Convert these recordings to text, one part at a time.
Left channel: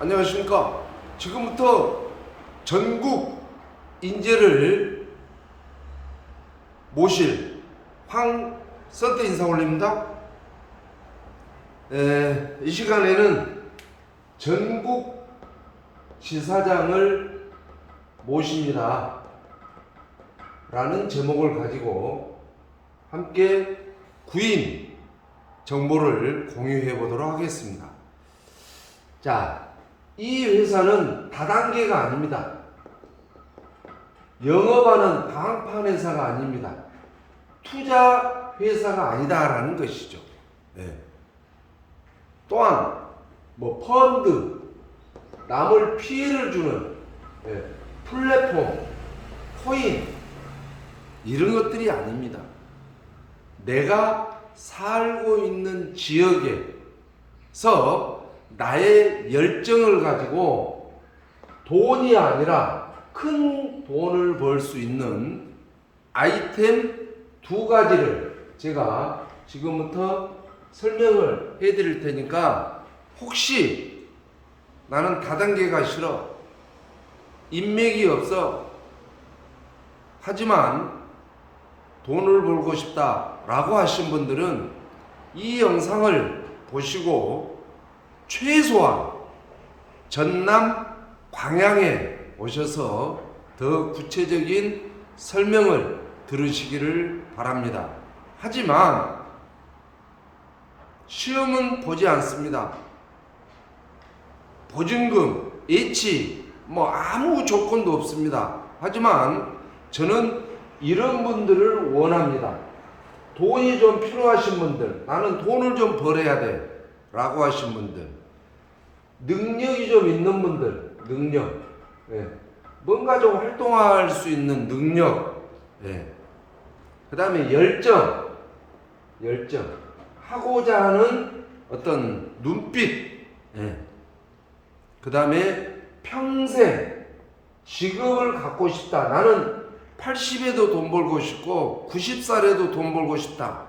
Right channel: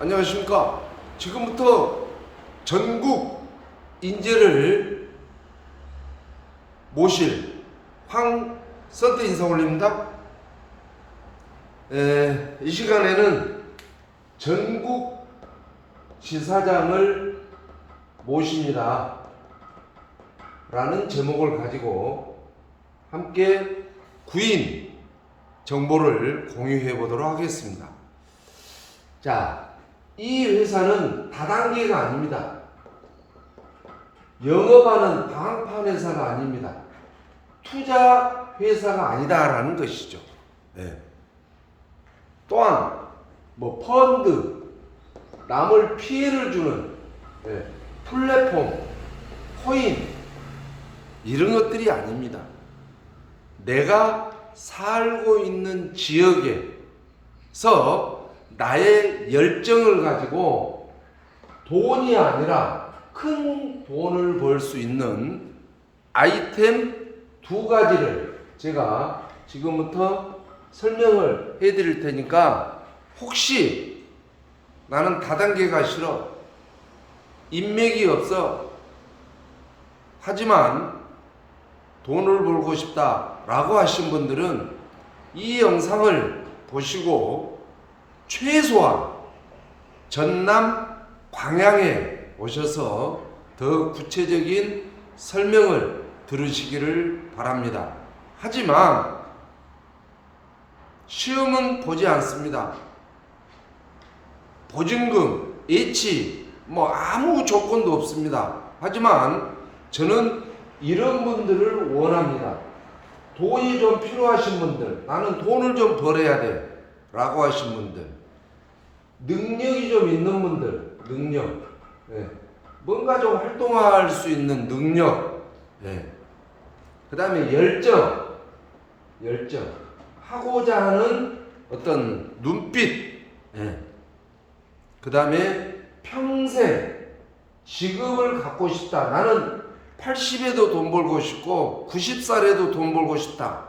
안녕하십니까. 지금부터 전국 인재를 모실 황선태 인사 올립니다. 이 시간에는 전국 지사장을 모십니다 라는 제목을 가지고 함께 구인 정보를 공유해 보도록 하겠습니다. 자, 이 회사는 다단계가 아닙니다. 영업하는 방판 회사가 아닙니다. 투자 회사가 아니다라는 것이죠. 또한 펀드, 남을 피해를 주는 플랫폼, 코인 이런 것들이 아닙니다. 내가 살고 있는 지역에서 나의 열정을 가지고 돈이 아니라 큰 돈을 벌 수 있는 아이템 두 가지를 제가 지금부터 설명을 해 드릴 테니까, 혹시 나는 다단계가 싫어, 인맥이 없어, 하지만 돈을 벌고 싶다 라고 하신 분들은 이 영상을 보시고 최소한 전남 광양에 오셔서 더 구체적인 설명을 들으시기를 바랍니다. 하지만 시험은 보지 않습니다. 보증금, 예치 아무 조건도 없습니다. 하지만 저는 이런 분들을 원합니다. 돈이 좀 필요하신 분들, 나는 돈을 좀 벌어야 돼 라고 하신 분들, 능력이 좀 있는 분들, 능력, 뭔가 좀 활동할 수 있는 능력, 그 다음에 열정, 하고자 하는 어떤 눈빛, 그 다음에 평생 직업을 갖고 싶다. 나는 80에도 돈 벌고 싶고 90살에도 돈 벌고 싶다.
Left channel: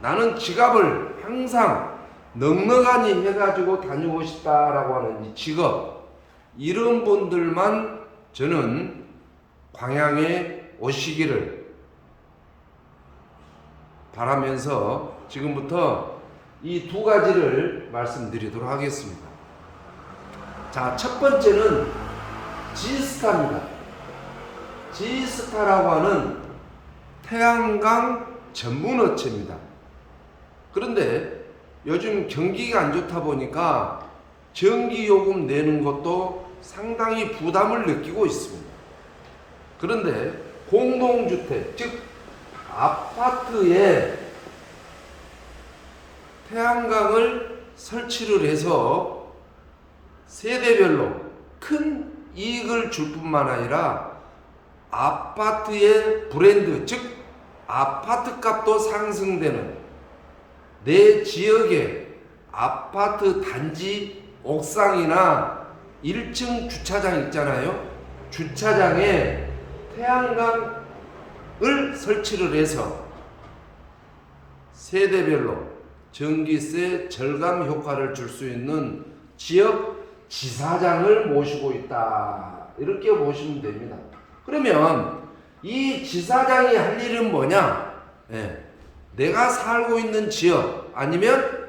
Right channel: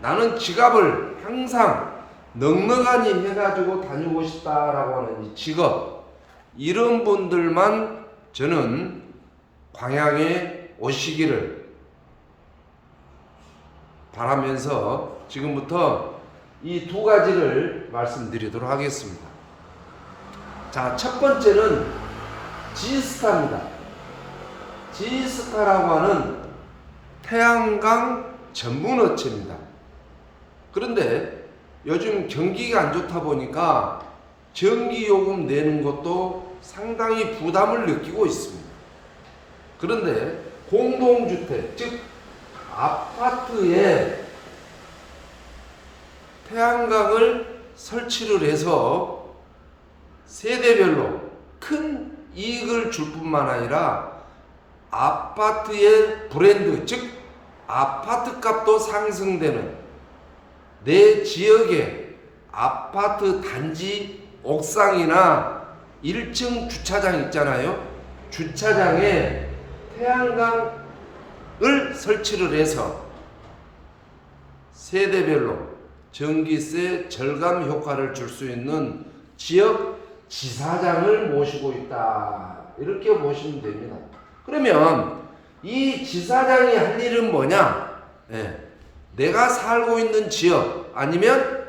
나는 지갑을 항상 넉넉하니 해가지고 다니고 싶다라고 하는 이 직업, 이런 분들만 저는 광양에 오시기를 바라면서 지금부터 이 두 가지를 말씀드리도록 하겠습니다. 자, 첫 번째는 지스타입니다. 지스타라고 하는 태양광 전문 업체입니다. 그런데 요즘 경기가 안 좋다 보니까 전기요금 내는 것도 상당히 부담을 느끼고 있습니다. 그런데 공동주택, 즉 아파트에 태양광을 설치를 해서 세대별로 큰 이익을 줄 뿐만 아니라 아파트의 브랜드, 즉 아파트 값도 상승되는, 내 지역의 아파트 단지 옥상이나 1층 주차장 있잖아요. 주차장에 태양광을 설치를 해서 세대별로 전기세 절감 효과를 줄 수 있는 지역 지사장을 모시고 있다, 이렇게 보시면 됩니다. 그러면 이 지사장이 할 일은 뭐냐? 내가 살고 있는 지역 아니면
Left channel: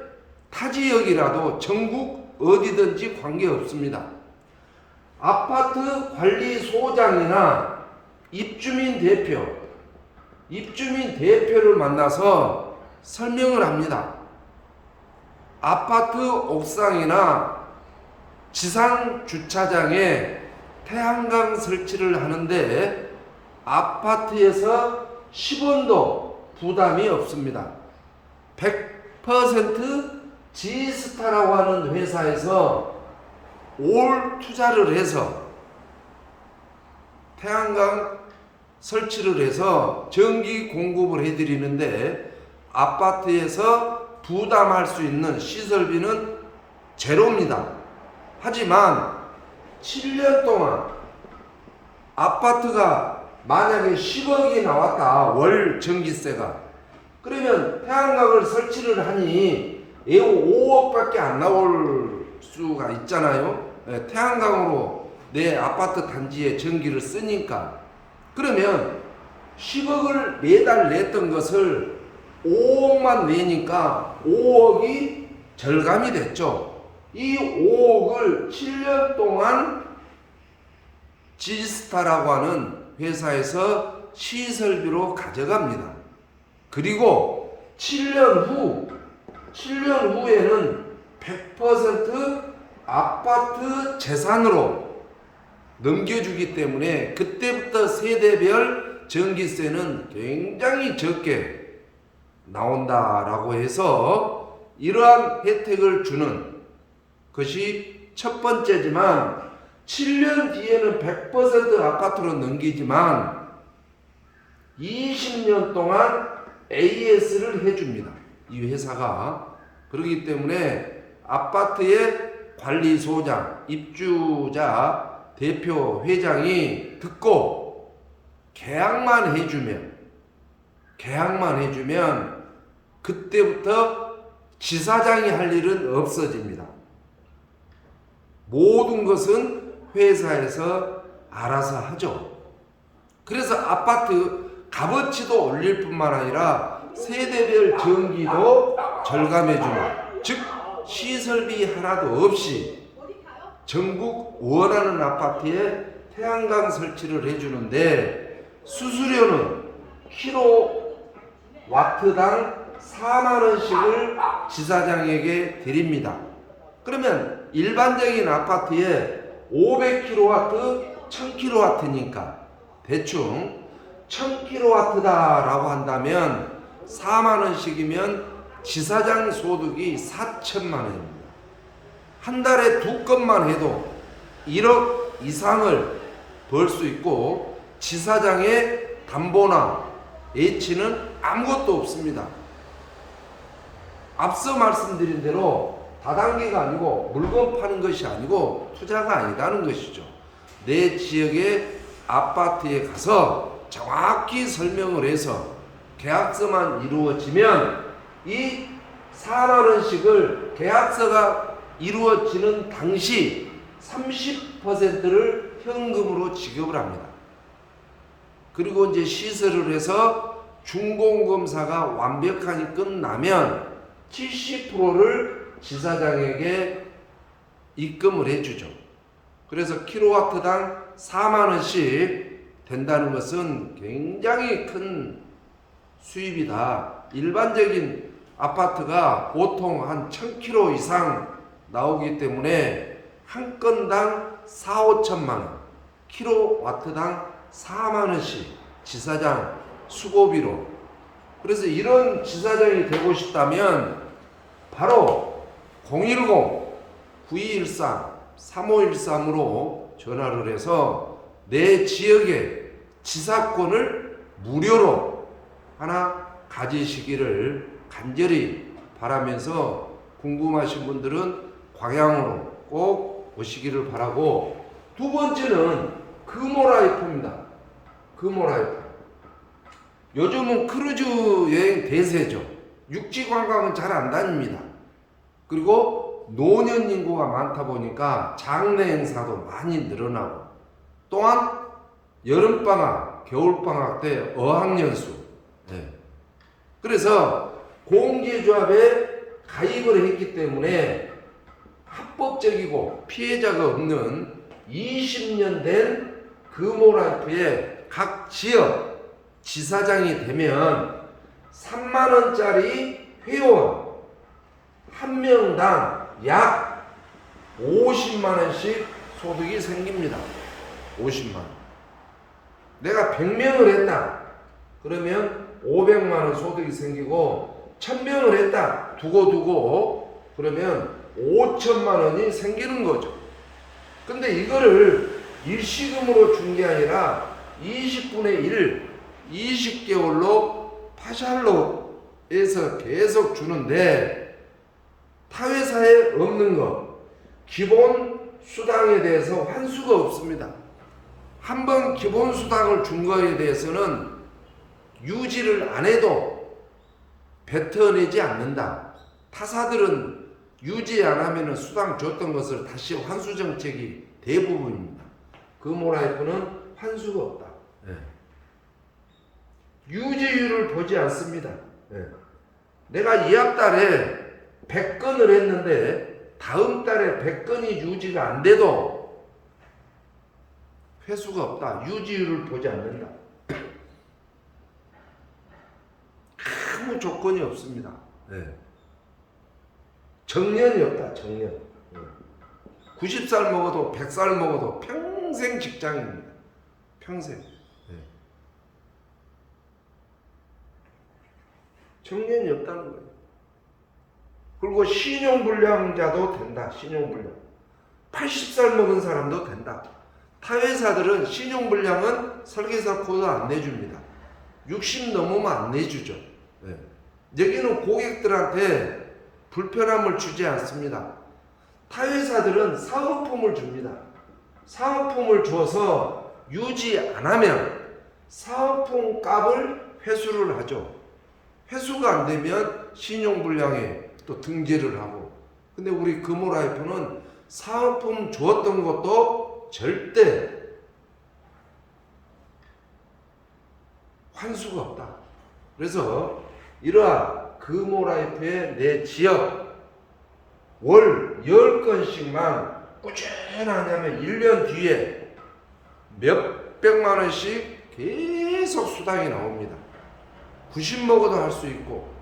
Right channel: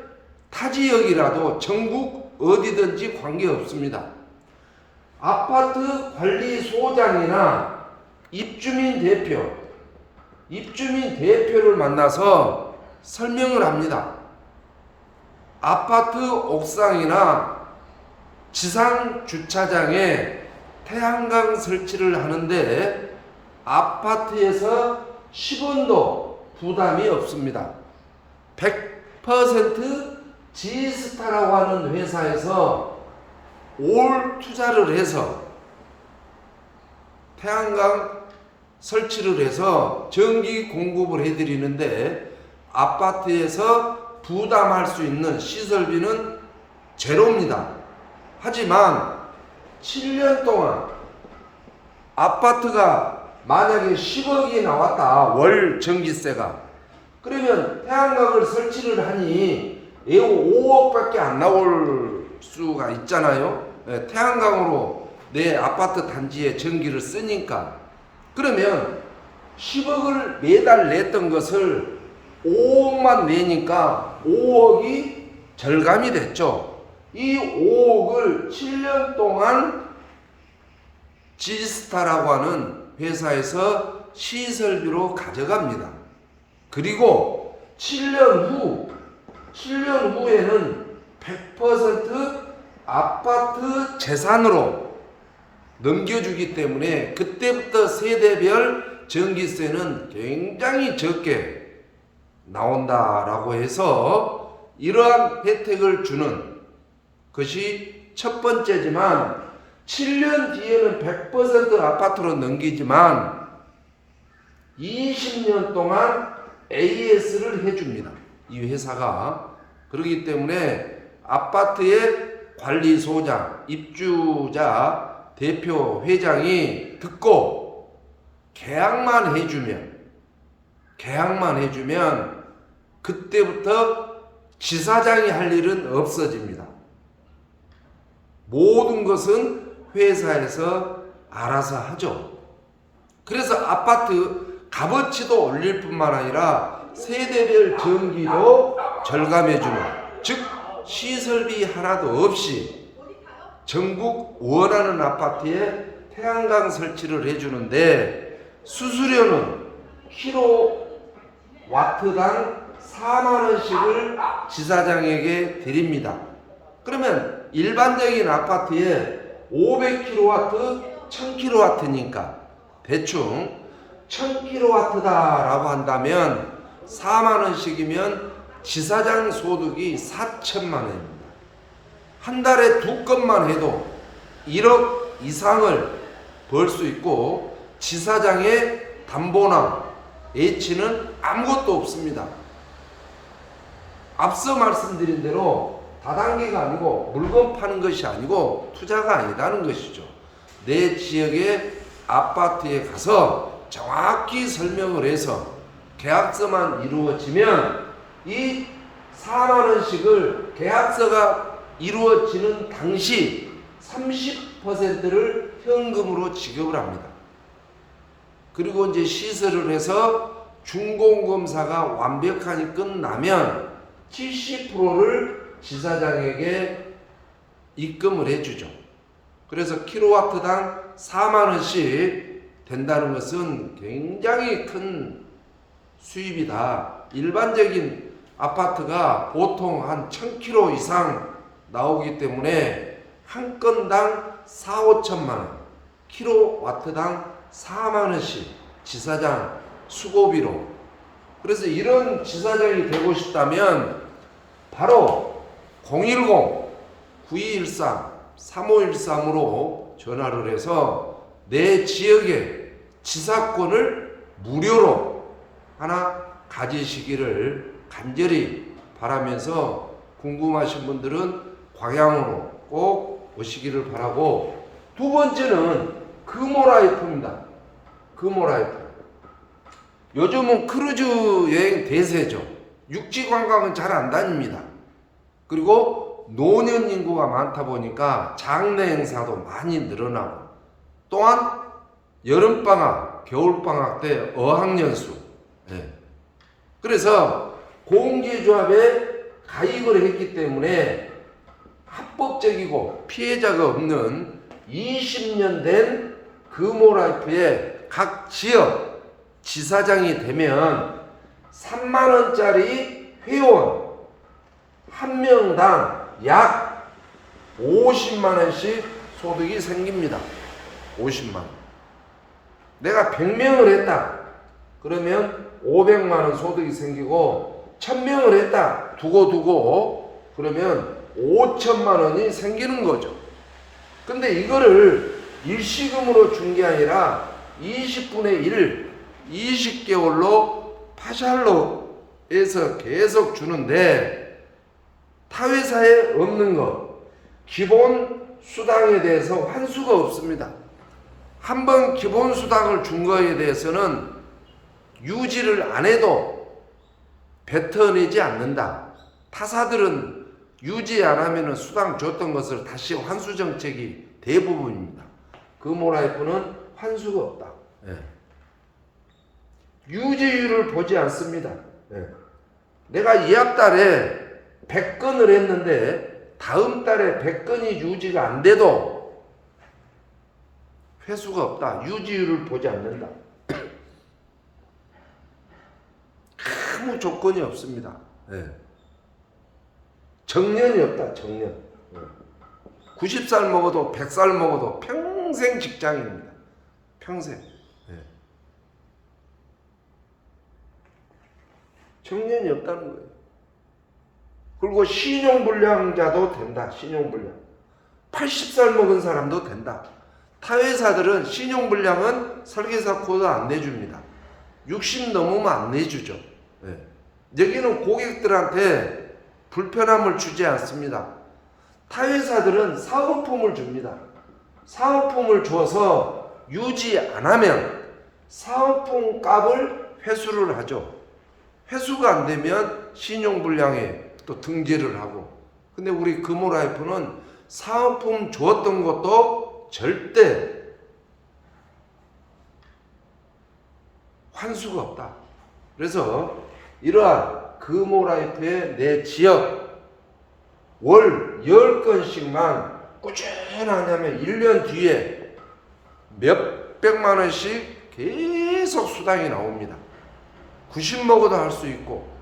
타 지역이라도 전국 어디든지 관계없습니다. 아파트 관리소장이나 입주민 대표를 만나서 설명을 합니다. 아파트 옥상이나 지상 주차장에 태양광 설치를 하는데 아파트에서 10원도 부담이 없습니다. 100% 지스타라고 하는 회사에서 올 투자를 해서 태양광 설치를 해서 전기 공급을 해드리는데 아파트에서 부담할 수 있는 시설비는 제로입니다. 하지만 7년 동안 아파트가 만약에 10억이 나왔다, 월 전기세가, 그러면 태양광을 설치를 하니 5억밖에 안 나올 수가 있잖아요. 예, 태양광으로 내 아파트 단지에 전기를 쓰니까. 그러면 10억을 매달 냈던 것을 5억만 내니까 5억이 절감이 됐죠. 이 5억을 7년 동안 지스타라고 하는 회사에서 시설비로 가져갑니다. 그리고 7년 후에는 100% 아파트 재산으로 넘겨주기 때문에 그때부터 세대별 전기세는 굉장히 적게 나온다라고 해서 이러한 혜택을 주는 것이 첫 번째지만 7년 뒤에는 100% 아파트로 넘기지만 20년 동안 AS를 해줍니다. 이 회사가. 그렇기 때문에 아파트의 관리소장, 입주자, 대표, 회장이 듣고 계약만 해주면 그때부터 지사장이 할 일은 없어집니다. 모든 것은 회사에서 알아서 하죠. 그래서 아파트 값어치도 올릴 뿐만 아니라 세대별 전기도 절감해주는, 즉 시설비 하나도 없이 전국 원하는 아파트에 태양광 설치를 해주는데 수수료는 킬로와트당 4만원씩을 지사장에게 드립니다. 그러면 일반적인 아파트에 500kW, 1000kW니까 대충 1000kW다라고 한다면 4만원씩이면 지사장 소득이 4천만원입니다. 한 달에 2건만 해도 1억 이상을 벌 수 있고 지사장의 담보나 H는 아무것도 없습니다. 앞서 말씀드린 대로 다단계가 아니고 물건 파는 것이 아니고 투자가 아니다는 것이죠. 내 지역의 아파트에 가서 정확히 설명을 해서 계약서만 이루어지면 이 4만원씩을 계약서가 이루어지는 당시 30%를 현금으로 지급을 합니다. 그리고 이제 시설을 해서 준공검사가 완벽하게 끝나면 70%를 지사장에게 입금을 해주죠. 그래서 킬로와트당 4만원씩 된다는 것은 굉장히 큰 수입이다. 일반적인 아파트가 보통 한 1000km 이상 나오기 때문에 한 건당 4, 5천만원, 킬로와트당 4만원씩 지사장 수고비로. 그래서 이런 지사장이 되고 싶다면 바로 010-9213-3513으로 전화를 해서 내 지역의 지사권을 무료로 하나 가지시기를 간절히 바라면서 궁금하신 분들은 광양으로 꼭 오시기를 바라고, 두 번째는 금호라이프입니다. 금호라이프. 요즘은 크루즈 여행 대세죠. 육지 관광은 잘 안 다닙니다. 그리고 노년 인구가 많다 보니까 장례 행사도 많이 늘어나고, 또한 여름방학, 겨울방학 때 어학연수. 그래서 공제조합에 가입을 했기 때문에 합법적이고 피해자가 없는 20년 된 금호라이프의 각 지역 지사장이 되면 3만원짜리 회원 한 명당 약 50만원씩 소득이 생깁니다. 50만원. 내가 100명을 했다. 그러면 500만원 소득이 생기고, 1000명을 했다. 두고 그러면 5천만원이 생기는 거죠. 근데 이거를 일시금으로 준 게 아니라 20분의 1, 20개월로 파샬로 해서 계속 주는데, 타 회사에 없는 것, 기본 수당에 대해서 환수가 없습니다. 한번 기본 수당을 준 거에 대해서는 유지를 안 해도 뱉어내지 않는다. 타사들은 유지 안 하면은 수당 줬던 것을 다시 환수 정책이 대부분입니다. 금호라이프는 환수가 없다. 예. 유지율을 보지 않습니다. 예. 내가 예약 달에 100건을 했는데 다음 달에 100건이 유지가 안 돼도 회수가 없다. 유지율을 보지 않는다. 아무 조건이 없습니다. 예. 정년이 없다. 정년. 90살 먹어도 100살 먹어도 평생 직장입니다. 평생. 예. 정년이 없다는 거예요. 그리고 신용불량자도 된다. 신용불량. 80살 먹은 사람도 된다. 타 회사들은 신용불량은 설계사 코드 안 내줍니다. 60 넘으면 안 내주죠. 네. 여기는 고객들한테 불편함을 주지 않습니다. 타 회사들은 사은품을 줍니다. 사은품을 줘서 유지 안 하면 사은품 값을 회수를 하죠. 회수가 안 되면 신용불량에 또 등재를 하고. 근데 우리 금호라이프는 사은품 주었던 것도 절대 환수가 없다. 그래서 이러한 금호라이프의 내 지역 월 10건씩만 꾸준하냐면 1년 뒤에 몇백만 원씩 계속 수당이 나옵니다. 90 먹어도 할 수 있고,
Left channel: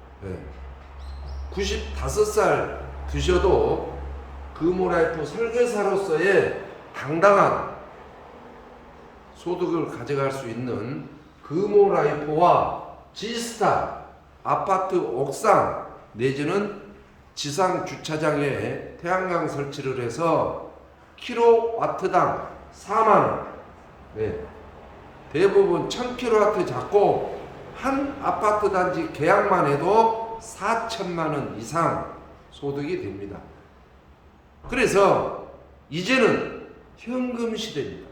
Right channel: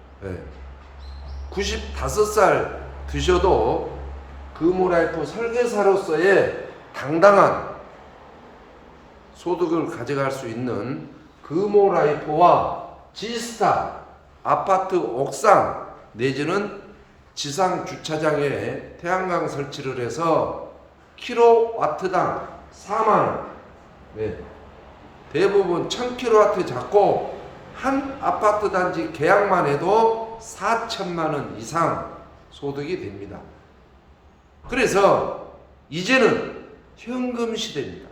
95살 드셔도 금호라이프 설계사로서의 당당한 소득을 가져갈 수 있는 금호라이프와 지스타 아파트 옥상 내지는 지상 주차장에 태양광 설치를 해서 킬로와트당 4만원, 대부분 1000kW 잡고 한 아파트 단지 계약만 해도 4천만원 이상 소득이 됩니다. 그래서 이제는 현금 시대입니다.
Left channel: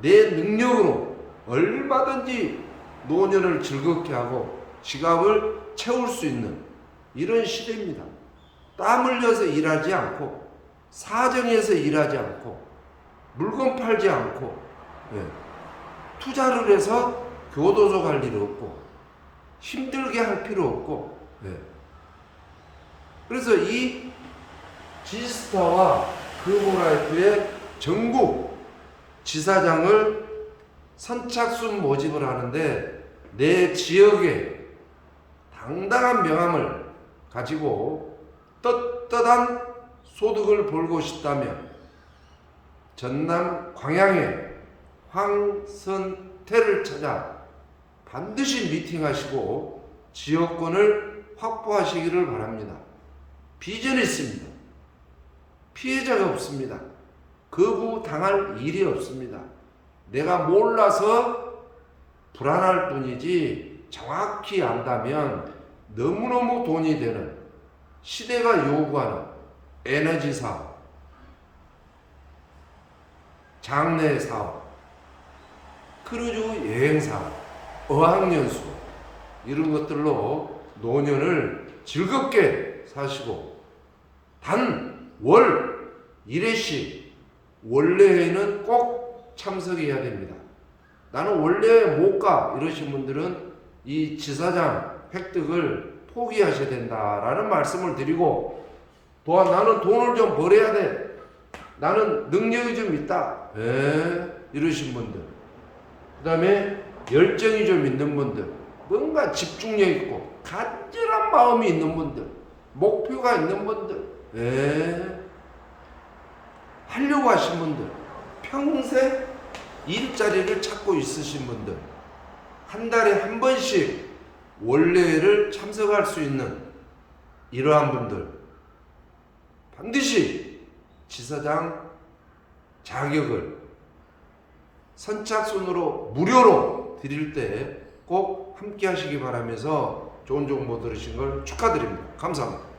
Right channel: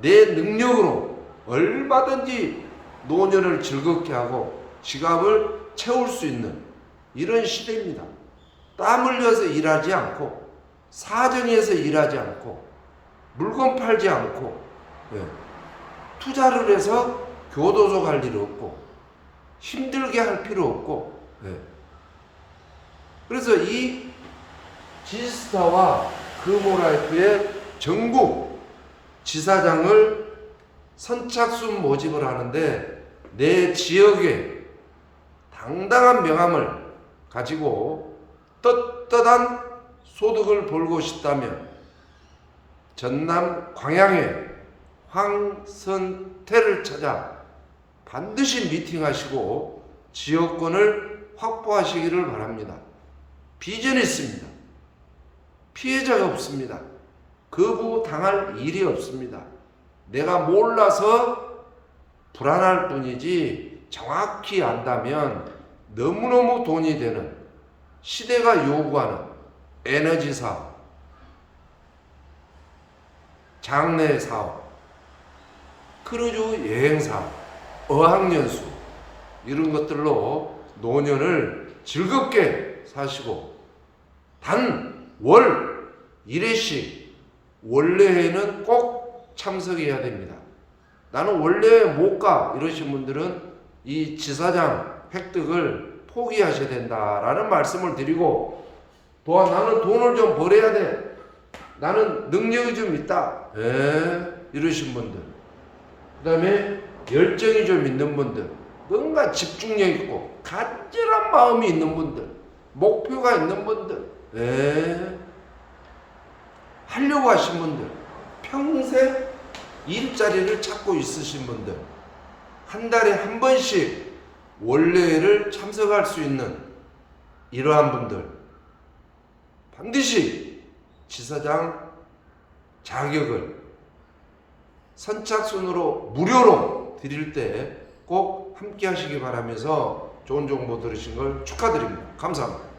내 능력으로 얼마든지 노년을 즐겁게 하고 지갑을 채울 수 있는 이런 시대입니다. 땀 흘려서 일하지 않고 사정해서 일하지 않고 물건 팔지 않고 투자를 해서 교도소 갈 일 없고 힘들게 할 필요 없고 그래서 이 지스타와 금호라이프의 전국 지사장을 선착순 모집을 하는데 내 지역에 당당한 명함을 가지고 떳떳한 소득을 벌고 싶다면 전남 광양의 황선태를 찾아 반드시 미팅하시고 지역권을 확보하시기를 바랍니다. 비전이 있습니다. 피해자가 없습니다. 거부당할 일이 없습니다. 내가 몰라서 불안할 뿐이지 정확히 안다면 너무너무 돈이 되는 시대가 요구하는 에너지 사업, 장래 사업, 크루즈 여행 사업, 어학연수 이런 것들로 노년을 즐겁게 사시고 단 월 1회씩 원래회는 꼭 참석해야 됩니다. 나는 원래회 못 가 이러신 분들은 이 지사장 획득을 포기하셔야 된다라는 말씀을 드리고, 또한 나는 돈을 좀 벌어야 돼, 나는 능력이 좀 있다 이러신 분들, 그 다음에 열정이 좀 있는 분들, 뭔가 집중력 있고 간절한 마음이 있는 분들, 목표가 있는 분들, 하려고 하신 분들, 평생 일자리를 찾고 있으신 분들, 한 달에 한 번씩 원래회를 참석할 수 있는 이러한 분들 반드시 지사장 자격을 선착순으로 무료로 드릴 때 꼭 함께 하시기 바라면서 좋은 정보 들으신 걸 축하드립니다. 감사합니다.